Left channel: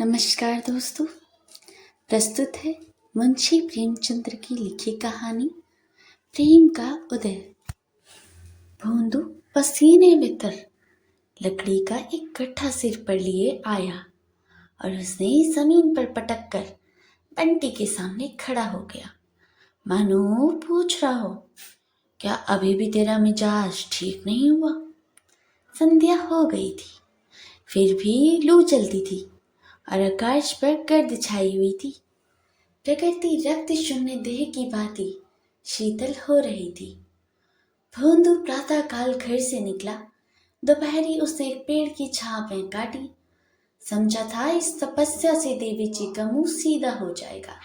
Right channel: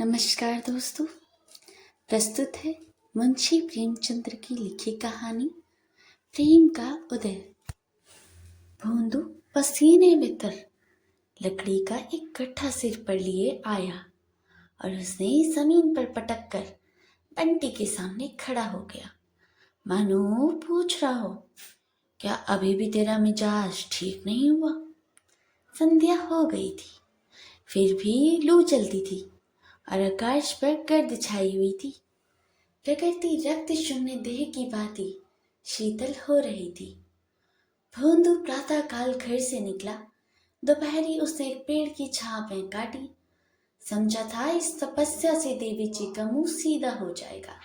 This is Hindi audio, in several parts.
नमस्कार दोस्तों। प्रस्तुत है मुंशी प्रेमचंद्र की लिखी कहानी प्रेम का उदय। भोंदू पसीने में तर लकड़ी का एक गट्ठा सिर पर लिए आया और उसने जमीन पर पटक कर बंटी के सामने खड़ा हो गया, मानो पूछ रहा हो, क्या अभी भी तेरा मिजाज ठीक नहीं हुआ? संध्या हो गई थी, फिर भी लू चलती थी और आकाश पर गर्द छाई हुई थी। प्रकृति रक्त शून्य देह की भांति शीतल हो रही थी। भोंदू प्रातः काल घर से निकला। दोपहरी उसने एक पेड़ की छांव में काटी। समझा था इस तपस्या से देवी जी का मुंह सीधा हो जाएगा,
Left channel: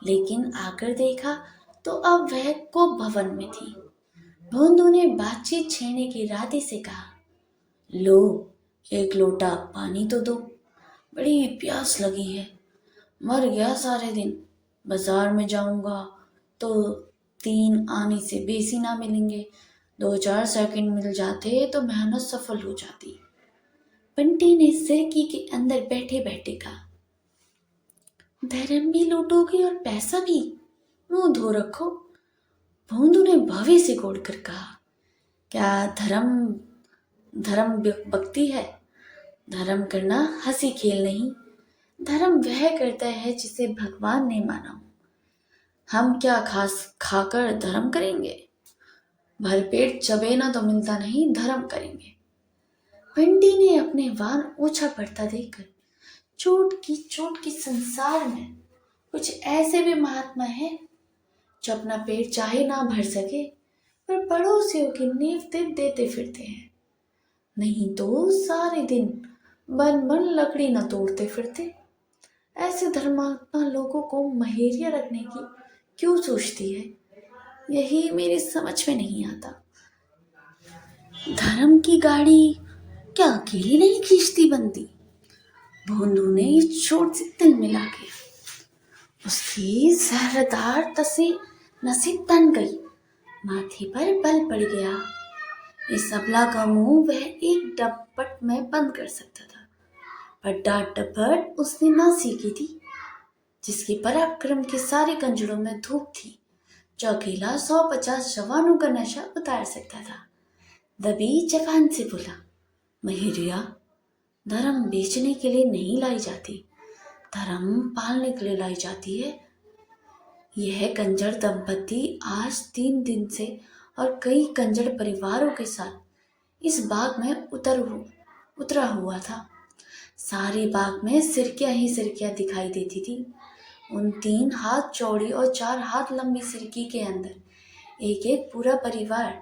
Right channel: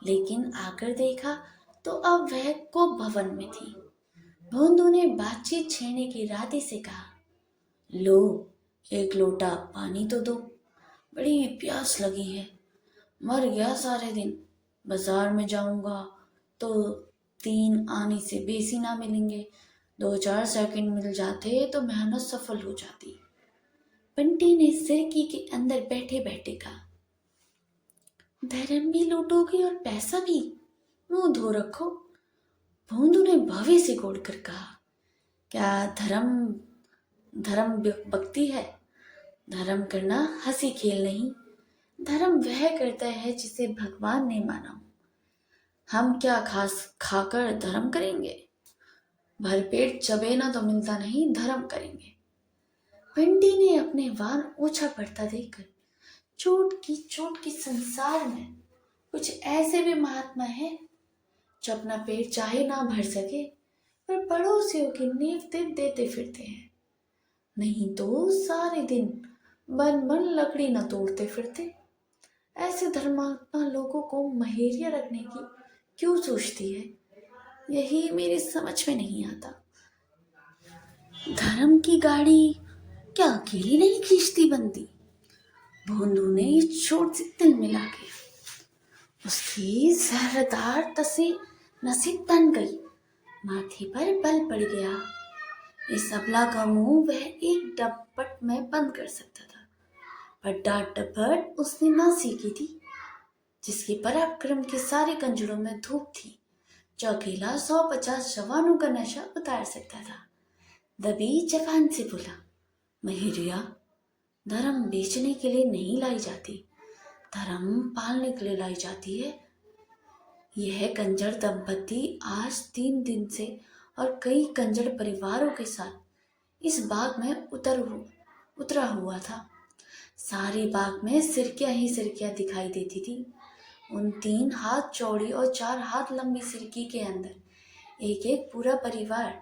लेकिन आकर देखा तो अब वह कोप भवन में थी। भोंदू ने बातचीत छेड़ने के इरादे से कहा, लो एक लोटा पानी तो दो, बड़ी प्यास लगी है। मर गया सारे दिन, बाजार में जाऊंगा तो 3 आने से बेसी ना मिलेंगे, 2-4 सेकंड मिल जाते तो मेहनत सफल हो जाती। बंटी ने सिरकी के अंदर बैठे बैठे कहा, धर्म भी लूटोगे और पैसा भी, मुंह धो रखो। भोंदू ने भवे से गोड़ कर कहा, क्या धर्म धर्म भक्ति है? धर्म करना हंसी खेल नहीं, धर्म वह करता है जिसे भगवान ने माना हो। हम क्या खास खाकर धर्म करेंगे? भरपेट चबेना तो मिलता नहीं, धर्म करेंगे। बंटी ने अपने वान ऊंचा पड़ता देखकर चोट की संसार में कुछ ऐसे भी महात्मा है जो अपना पेट चाहे ना भर सके पर पड़ोसियों की नींव देते फिरते हैं, नहीं तो सारे दिन बन लकड़ी न तोड़ते फिरते। ऐसे धर्मात्मा लोगों को महेरिया रखने की क्यों सोचती है, यही मेरी समझ में नहीं आता। धर्म की गाड़ी क्या अकेली नहीं खींचती बनती? भोंदू ने चोट से तिल मिला के उसकी जहरदार तसी नसीब तन गई, माथे पर बल पड़ गया। इस अबला का मुंह वह एक डपट में बंद कर सकता था, पर डांट डपट उसने ना सीखी थी, जिसके पराक्रम के सारे कंजरों में धूप थी, जो अकेला 150 जवानों का नशा उतार सकता था। दबी जवान से बोला, महेरिया, धर्म बेचने के लिए नहीं लाई जाती, धर्म पालने के लिए लाई जाती है। यह कंजर दंपति आज 3 दिन से और कई कंजर परिवारों के साथ इस बाग में उतरा हुआ था। सारे बाग में सिरकियां ही सिरकियां दिखाई देती थी। उन 3 हाथ चौड़ी और 4 हाथ लंबी सिरकी के अंदर एक एक पूरा परिवार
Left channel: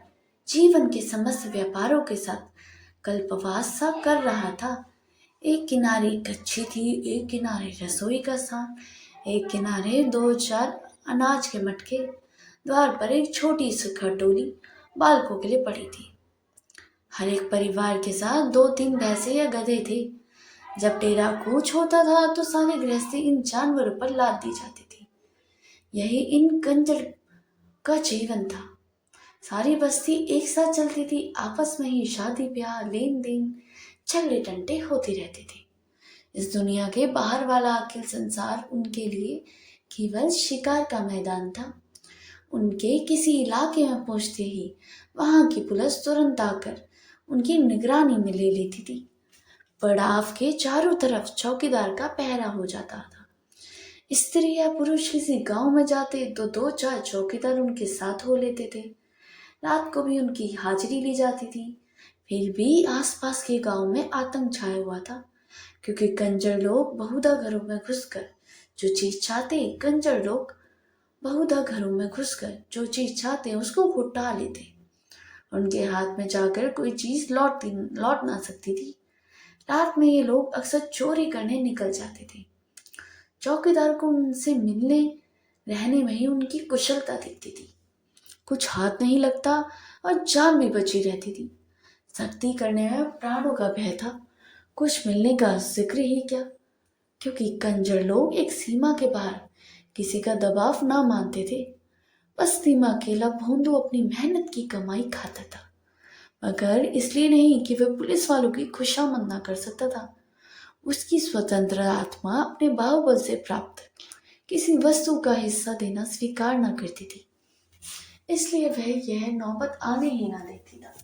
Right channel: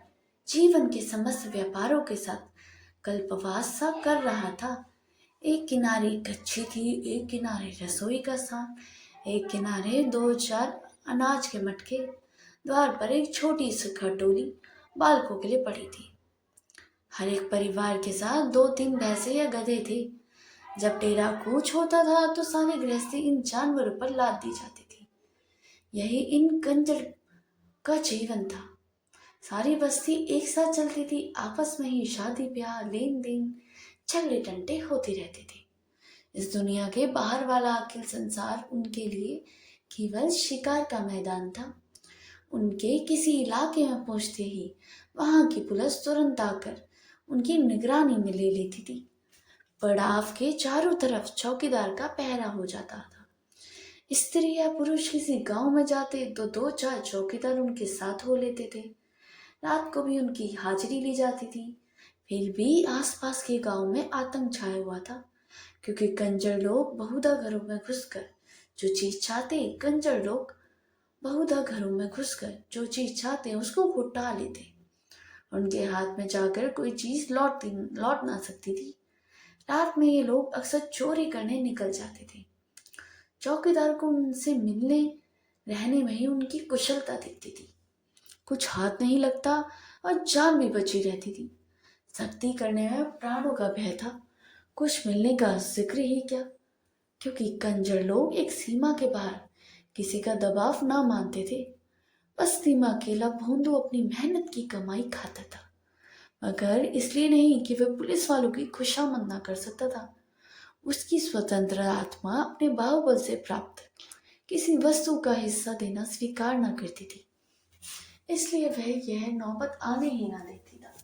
जीवन के समस्त व्यापारों के साथ कल्पवास सा कर रहा था। एक किनारे कच्ची थी, एक किनारे रसोई का स्थान, एक किनारे 2-4 अनाज के मटके, द्वार पर एक छोटी सी खटोली बालकों के लिए पड़ी थी। हर एक परिवार के साथ 2-3 भैंसे या गधे थे। जब डेरा कूच होता था तो सारी गृहस्थी इन जानवरों पर लाद दी जाती थी। यही इन कंजर का जीवन था। सारी बस्ती एक साथ चलती थी, आपस में ही शादी ब्याह लेन देन झगड़े टंटे होते रहते थे। इस दुनिया के बाहर वाला अखिल संसार उनके लिए केवल शिकार का मैदान था। उनके किसी इलाके में पहुंचते ही वहां की पुलिस तुरंत आकर उनकी निगरानी में ले लेती थी। पड़ाव के चारों तरफ चौकीदार का पहरा हो जाता था। स्त्री या पुरुष किसी गांव में जाते तो 2-4 चौकीदार उनके साथ हो लेते थे। रात को भी उनकी हाजिरी ली जाती थी। फिर भी आसपास के गांव में आतंक छाया हुआ था, क्योंकि कंजर लोग बहुधा घरों में घुसकर जो चीज चाहते उसको उठा लेते। उनके हाथ में जाकर कोई चीज लौट ना सकती थी। रात में ये लोग अक्सर चोरी करने निकल जाते थे। चौकीदार को उनसे मिलने रहने में ही उनकी कुशलता दिखती थी। कुछ हाथ नहीं लगता और जान भी बची रहती थी। सख्ती करने में प्राणों का भय था, कुछ मिलने का जिक्र ही क्या, क्योंकि कंजर लोग एक सीमा के बाहर किसी का दबाव ना मानते थे। बस्ती में अकेला भोंदू अपनी मेहनत की कमाई खाता था, मगर इसलिए नहीं कि वह पुलिस वालों की खुशामद ना कर सकता था। उसकी स्वतंत्र आत्मा अपने बाहुबल से प्राप्त किसी वस्तु का हिस्सा देना स्वीकार न करती थी, इसलिए वह यह नौबत आने ही ना देती था।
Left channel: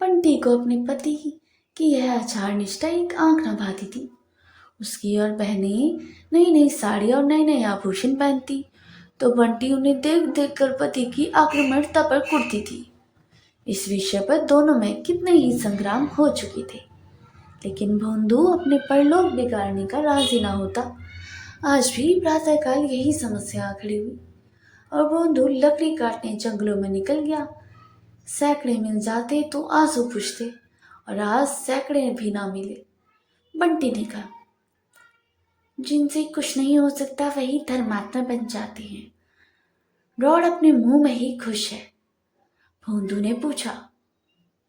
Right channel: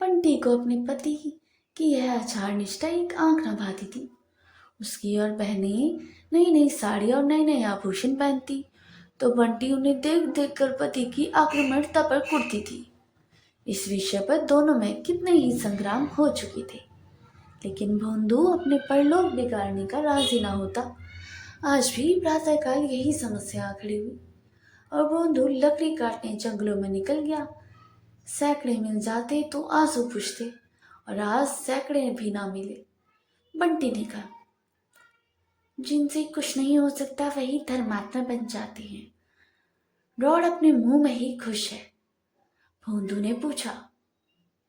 बंटी को अपने पति की यह आचार निष्ठा एक आंख न भाती थी। उसकी और बहनें नई नई साड़ी और नए नए आभूषण पहनती तो बंटी उन्हें देख देख कर पति की आक्रमणता पर कुढ़ती थी। इस विषय पर दोनों में कितने ही संग्राम हो चुके थे, लेकिन भोंदू अपने परलोक बिगाड़ने का राजी ना होता। आज भी प्रातःकाल यही समस्या खड़ी हुई और भोंदू लकड़ी काटने जंगलों में निकल गया। सैकड़े मिल जाते तो आंसू पूछते और आज सैकड़े भी ना मिले। बंटी ने कहा, जिनसे कुछ नहीं हो सकता वही धर्मात्मा बन जाते हैं। रॉड अपने मुंह में ही खुश है। भोंदू ने पूछा,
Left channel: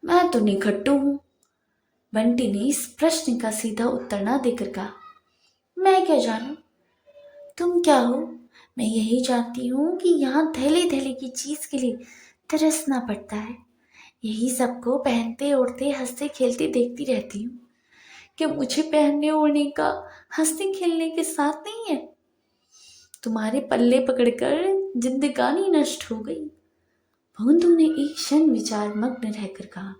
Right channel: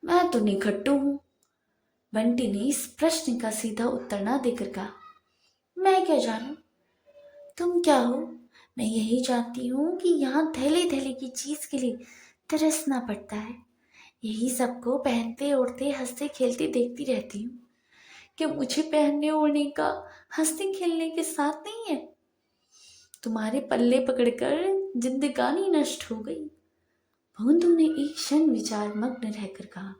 मैं तो निखट्टू हूं। बंटी ने इस प्रश्न का सीधा उत्तर ना देकर कहा, मैं क्या जानूं तुम क्या हो। मैं यही जानती हूँ कि यहाँ थैले थैले की चीज के लिए तरसना पड़ता है। यही सबको पहनते ओढ़ते हंसते खेलते देखती रहती हूँ। क्या मुझे पहनने ओढ़ने का हंसने खेलने के साथ नहीं है? तुम्हारे पल्ले पकड़कर जिंदगानी नष्ट हो गई। भोंदू ने एक क्षण विचार मग्न रहकर कहा,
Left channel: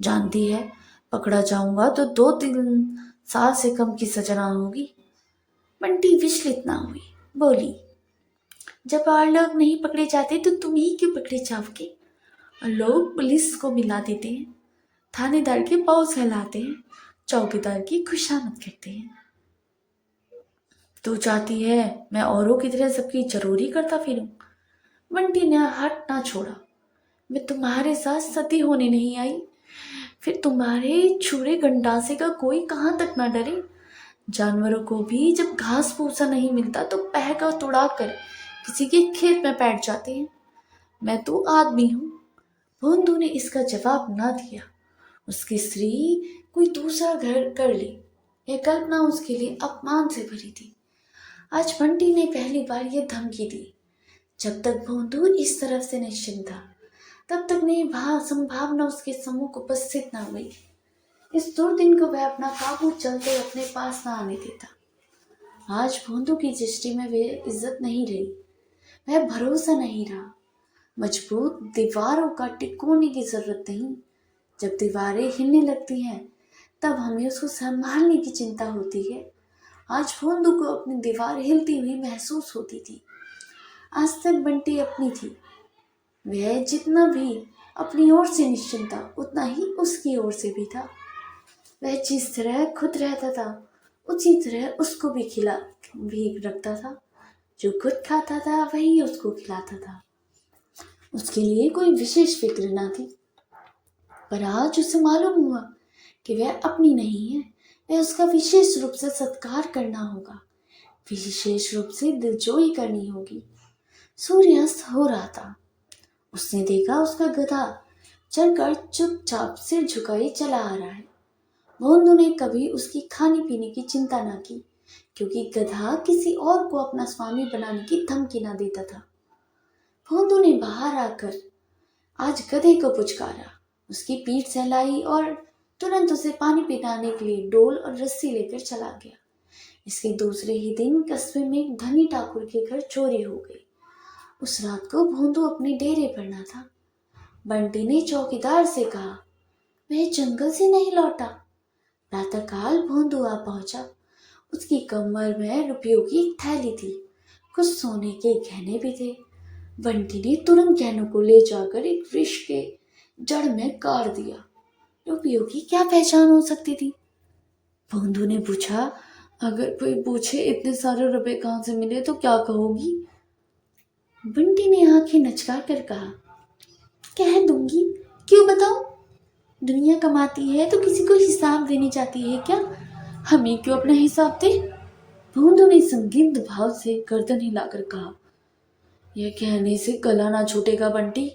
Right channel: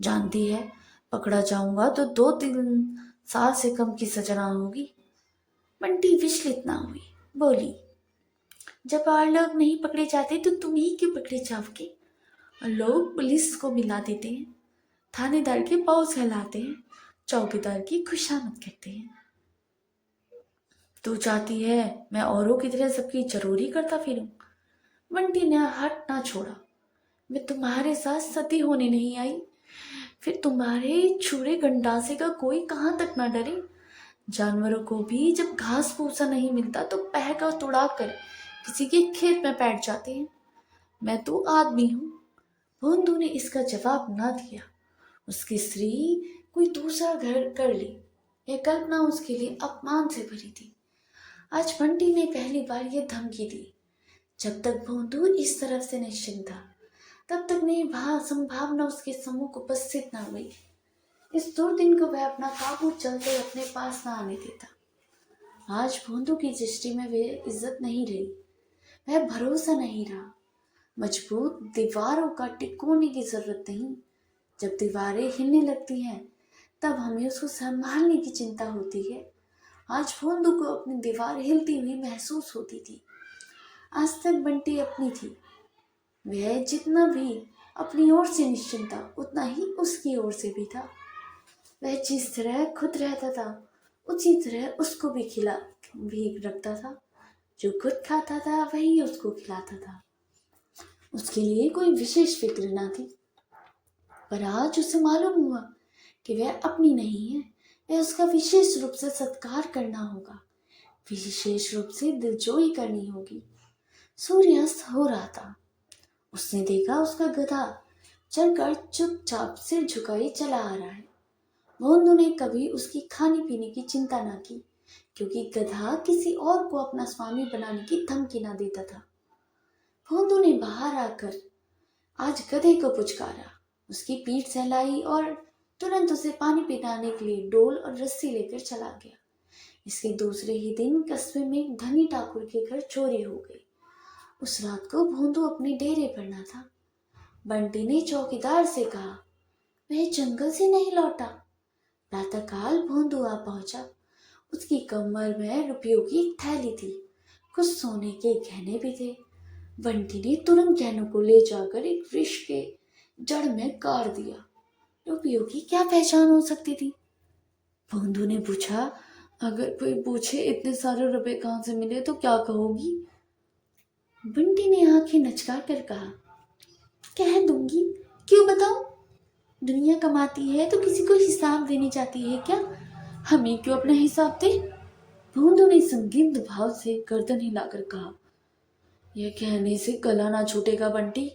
जानती है पकड़ा जाऊंगा तो 2-3 साल से कम की सजा ना होगी। बंटी विचलित ना हुई, बोली, जब और लोग नहीं पकड़े जाते तो तुम ही क्यों पकड़े जाओगे? और लोग पुलिस को मिला देते हैं, थानेदार के पाँव सहलाते हैं, चौकीदार की खुशामद करते हैं। तू चाहती है मैं औरों की तरह सबकी जरूरी करता फिरूं? बंटी ने हाथ ना छोड़ा। मैं तुम्हारे साथ सती होने नहीं आई, फिर तुम्हारे छुरे गंडासे का कोई कहाँ तक ना डरे। जानवरों को भी जब घास भूसा नहीं मिलता तो पहका तुड़ा कर किसी के खेत में बैठ जाते हैं। मैं तो आदमी हूँ। भोंदू ने इसका जवाब ना दिया। उसकी स्त्री कोई दूसरा घर कर ले, यह कल्पना उसके लिए अपमान से भरी थी। आज बंटी ने पहली बार यह धमकी दी। जब तक भोंदू इस तरफ से निश्चिंत था तब तक नई संभावना उसके सम्मुख उपस्थित न हुई। इस दुर्दिन को वह अपना काबू चलते अपने पास न आने देता। आज भोंदू की दृष्टि में वह इज्जत नहीं रही, वह भरोसा नहीं रहा। मजबूत दीवारों का टिकोने की जरूरत नहीं। जब दीवारें हिलने लगती हैं तब हमें उसको संभालने की चिंता होती है। आज भोंदू को अपनी दीवार हिलती हुई महसूस होती थी। आज तक बंटी अपनी थी। वह जितना भी अपनी ओर से निश्चिंत था उतना ही उसकी ओर से भी था। वह जिस तरह खुद रहता था उसी तरह उसको भी खिला भी रखता था। जो खुद खाता था वही उसको खिलाता था। उसके लिए कोई विशेष फिक्र ना थी। पर आज उसे मालूम हुआ कि वह अपनी नहीं है, वह उसका विशेष रूप से सत्कार करना होगा, विशेष रूप से दिलजोई करनी होगी। सूर्यास्त हो रहा था। उसने देखा उसका गधा चलकर चुपचाप सिर झुकाए चला आ रहा है। भोंदू ने कभी उसकी खाने पीने की चिंता न की, क्योंकि गधा किसी और को अपना स्वामी बनाने की धमकी न देता था। भोंदू ने बाहर आकर आज गधे को पुचकारा, उसकी पीठ सहलाई और तुरंत उसे पानी पिलाने के लिए डोल और रस्सी लेकर चला गया। इसके दूसरे ही दिन कस्बे में एक धनी ठाकुर के घर चोरी हो गई। उस रात को भोंदू अपने डेरे पर न था। बंटी ने चौकीदार से कहा, वह जंगल से नहीं लौटा। प्रातःकाल भोंदू आ पहुंचा। उसकी कमर में रुपयों की एक थैली थी, कुछ सोने के गहने भी थे। बंटी ने तुरंत गहनों को ले जाकर एक वृक्ष के जड़ में गाड़ दिया। रुपयों की क्या पहचान हो सकती थी? भोंदू ने पूछा, अगर कोई पूछे इतने सारे रुपए कहाँ से मिले तो क्या कहोगी? बंटी ने आंखें नचका कर कहा, कह दूंगी, क्यों बताओ? दुनिया कमाती है तो किसी को हिसाब देनी चाहती है क्या? हमें क्यों अपना हिसाब दे? भोंदू ने संदिग्ध भाव से गर्दन हिलाकर कहा, यह कहने से गला ना छूटेगा बंटी।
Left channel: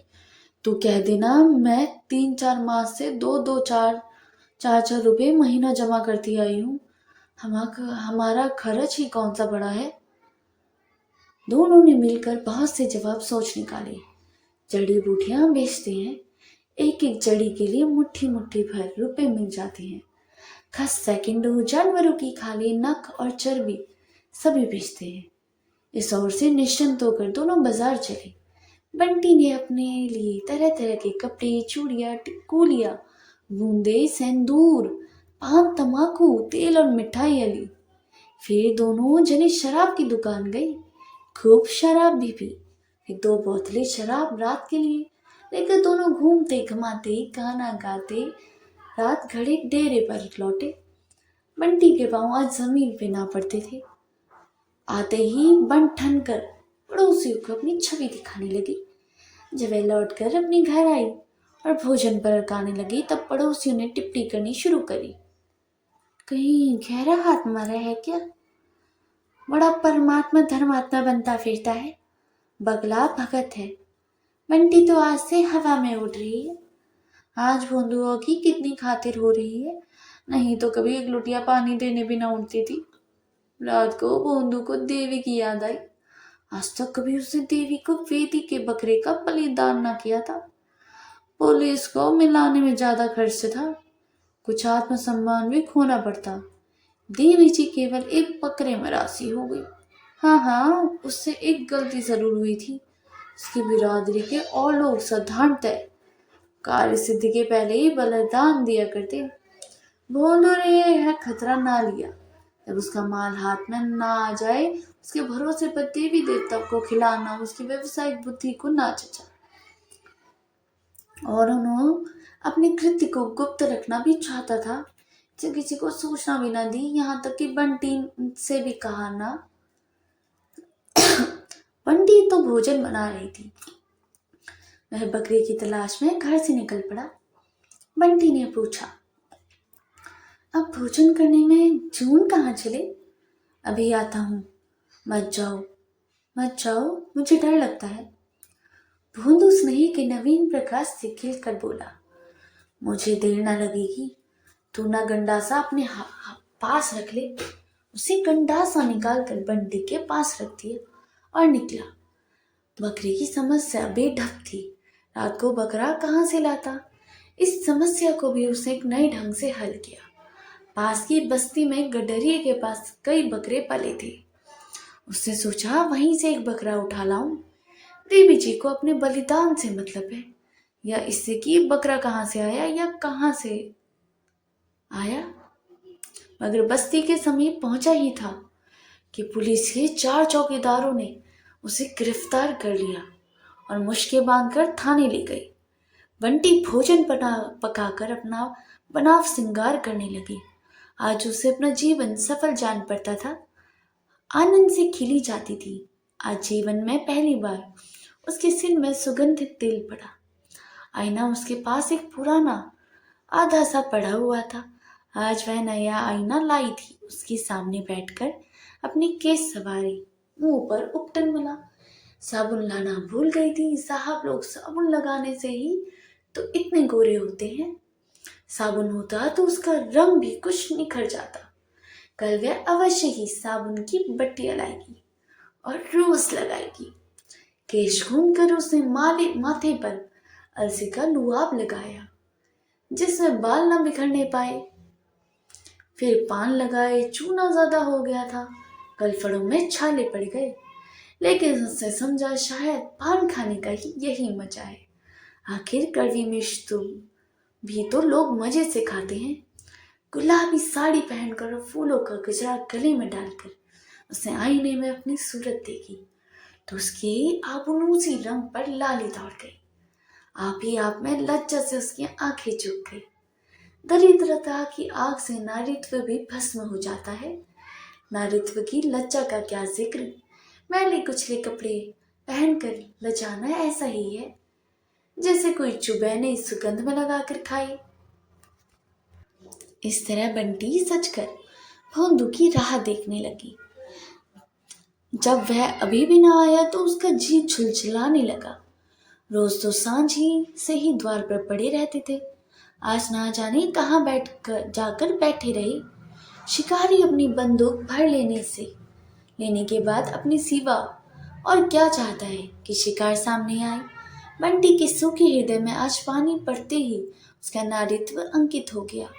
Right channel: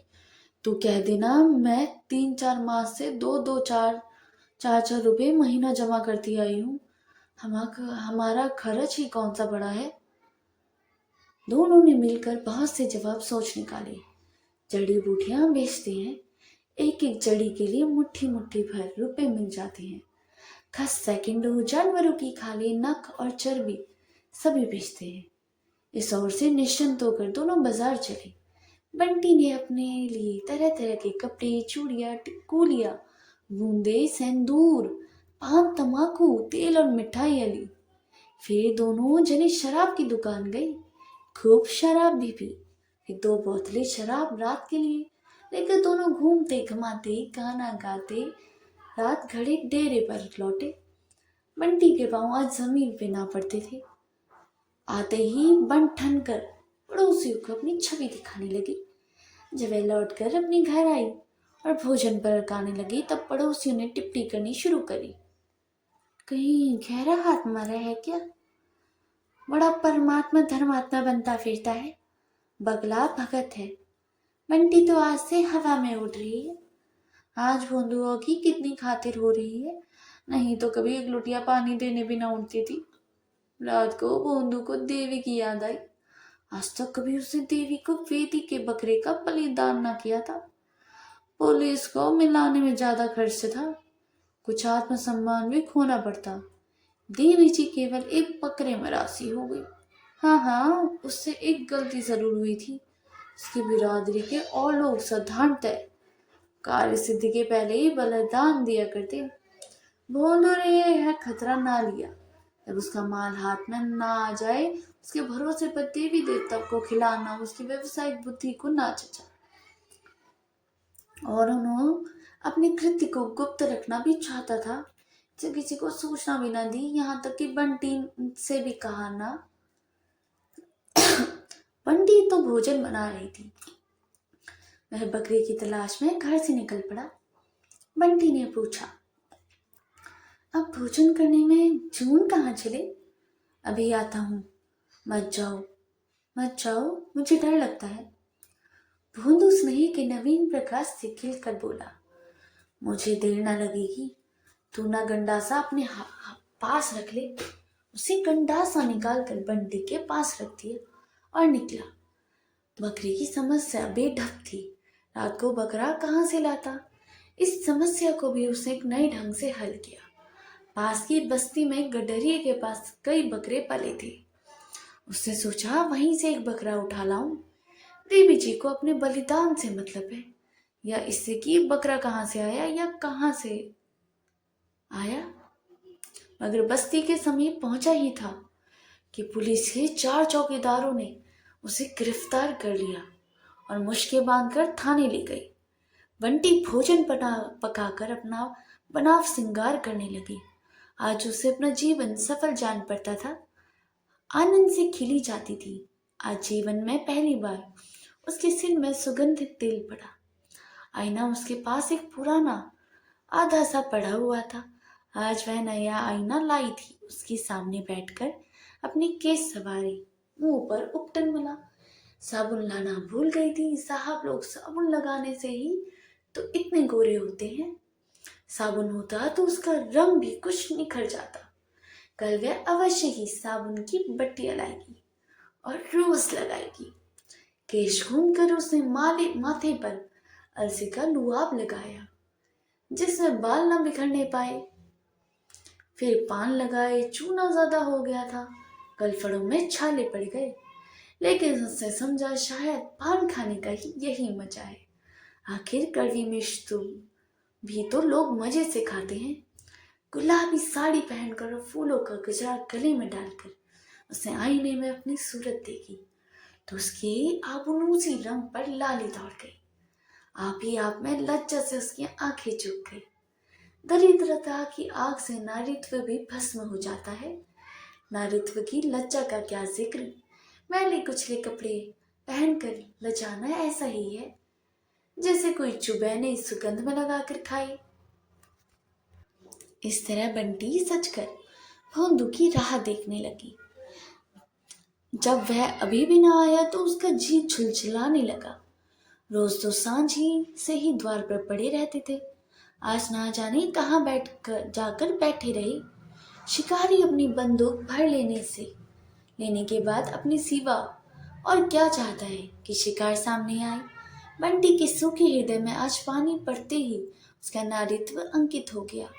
तू कह देना मैं 3-4 मास से 2-2, 4-4 रुपए महीना जमा करती आई हूँ। हमारा खर्च ही कौन सा बड़ा है। दोनों ने मिलकर बहुत से जवाब सोच निकाले। जड़ी बूटियां बेचते हैं, एक एक जड़ी के लिए मुट्ठी मुट्ठी भर रुपए मिल जाते हैं। खस सेकंडों जानवरों की खाली नख और चर्बी सभी बेचते हैं। इस ओर से निश्चिंत होकर दोनों बाजार चले। बंटी ने अपने लिए तरह तरह के कपड़े, चूड़ियां, टिकुलियां, बूंदे, सिंदूर, पान, तमाकू, तेल और मिठाइयां ली। फिर दोनों जने शराब की दुकान गई, खूब शराब भी पी। फिर 2 बोतलें शराब रात के लिए लेकर दोनों घूमते घुमाते गाना गाते रात घड़े डेरे पर लौटे। बंटी के पांव आज जमीन पे ना पड़ते थे। आते ही बन ठन कर पड़ोसियों को अपनी छवि दिखाने लगी। जब वह लौट कर अपने घर आई और भोजन पकाने लगी तब पड़ोसियों ने टिप्पणी करनी शुरू करी। कहीं गहरा हाथ मारा है क्या? बड़ा परमात्मा धर्मात्मा बनता फिरता है, बगला भगत है। बंटी तो आज से हवा में उड़ रही है। आज भोंदुओं की कितनी खातिर हो रही है, नहीं तो कभी एक लुटिया पानी देने भी ना उठती थी। रात को भोंदू को देवी की याद आई। आज तक कभी उसने देवी को वेदी के बकरे का बलिदान ना किया था। पुलिस को मिलाने में ज्यादा खर्च था, कुछ आत्मसम्मान भी खोना पड़ता। देवी जी केवल एक बकरे में राशि हो गई। हाँ, उससे एक गलती जरूर हुई थी। उसकी बिरादरी के और लोग साधारणतः कार्य सिद्धि के पहले ही बलिदान दिया करते। भोंदू ने यह खतरा ना लिया। जब उसका माल हाथ में ना आ जाए, उसके भरोसे पर देवी देवता को खिलाना उसकी व्यवसायिक बुद्धि को ना जचा। और उन्होंने अपने कृत्य को गुप्त रखना भी चाहता था, जो किसी को सूचना भी ना दी, यहाँ तक कि बंटी से भी कहा ना। बंटी तो भोजन बना रही थी। वह बकरी की तलाश में घर से निकल पड़ा। बंटी ने पूछा, अब भोजन करने में जून कहाँ चले? अभी आता हूँ। मत जाओ, मुझे डर लगता है। भोंदू स्नेही के नवीन प्रकाश से खिलकर बोला, मुझे देर ना लगेगी। तू ना गंडासा अपने पास रख ले। उसे गंडासा निकाल कर बंटी के पास रख दिया और निकला। बकरी की समस्या बेढक थी। रात को बकरा कहाँ से लाता? इस समस्या को भी उसने एक नए ढंग से हल किया। पास की बस्ती में गडरिये के पास कई बकरे पले थे। उसने सोचा वहीं से एक बकरा उठा लाऊं। देवी जी को अपने बलिदान से मतलब है, या इससे कि बकरा कहाँ से आया या कहाँ से आया। मगर बस्ती के समीप पहुंचा ही था कि पुलिस के 4 चौकीदारों ने उसे गिरफ्तार कर लिया और मुश्किल बांधकर थाने ले गई। बंटी भोजन पकाकर अपना बनाव श्रृंगार करने लगी। आज उसे अपना जीवन सफल जान पड़ता था। आनंद से खिली जाती थी। आज जीवन में पहली बार उसके सिर में सुगंधित तेल पड़ा। आईना उसके पास एक पुराना आधा सा पड़ा हुआ था। आज वह नया आईना लाई थी। उसके सामने बैठकर अपनी केस सवारी, मुंह पर उपटन मला। साबुन लाना भूल गई थी। साहब लोग साबुन लगाने से ही तो इतने गोरे होते हैं। साबुन होता तो उसका रंग भी कुछ निखर जाता। कल वह अवश्य ही साबुन की बट्टियां लाएगी और रोज लगाएगी। केश घूमकर उसने माथे पर अलसी का लुआब लगाया जिसमें बाल न बिखरने पाए। फिर पान लगाए। चूना ज्यादा हो गया था, गलफड़ों में छाले पड़ गए। लेकिन उसने समझा शायद पान खाने का ही यही मजा है। आखिर कड़वी मिर्च भी तो लोग मजे से खाते हैं। गुलाबी साड़ी पहनकर और फूलों का गजरा गले में डालकर उसने आईने में अपनी सूरत देखी तो उसकी आबनूसी रंग पर लाली दौड़ गई। आप ही आप में लज्जा से उसकी आंखें झुक गई। दरिद्रता की आग से नारीत्व भी भस्म हो जाता है। नारीत्व की लज्जा का क्या जिक्र। मैले कुचले कपड़े पहनकर लजाना ऐसा ही है जैसे कोई चुबैने सुगंध में लगाकर खाए। इस तरह बंटी सचकर भोंदू की राह देखने लगी। जब वह अभी भी ना आया तो उसका जी झुलझुलाने लगा। रोज तो सांझ ही से ही द्वार पर पड़े रहते थे। आज ना जाने कहाँ जाकर बैठे रहे। शिकारी अपनी बंदूक भर लेने के बाद अपनी सिवा और क्या चाहता है कि शिकार सामने आए। बंटी के सूखे हृदय में आज पानी पड़ते ही उसका नारीत्व अंकित हो गया।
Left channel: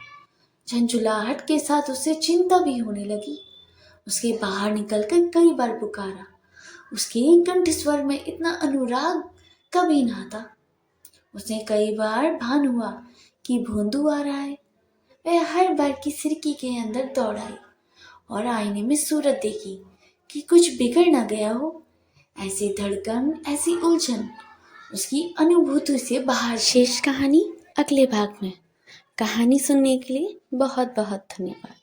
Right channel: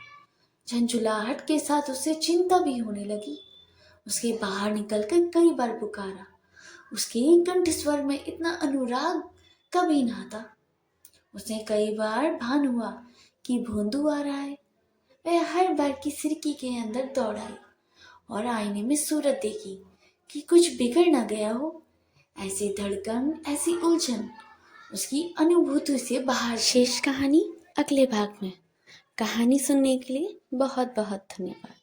झंझुलाहट के साथ उसे चिंता भी होने लगी। उसके बाहर निकलकर कई बार पुकारा। उसके कंठ स्वर में इतना अनुराग कभी ना था। उसने कई बार भान हुआ कि भोंदू आ रहा है। वह हर बार की खिड़की के अंदर दौड़ आई और आईने में सूरत देखी कि कुछ बिगड़ ना गया हो। ऐसी धड़कन, ऐसी उलझन उसकी अनुभूति से बाहर। शेष कहानी अगले भाग में। कहानी सुनने के लिए बहुत बहुत धन्यवाद।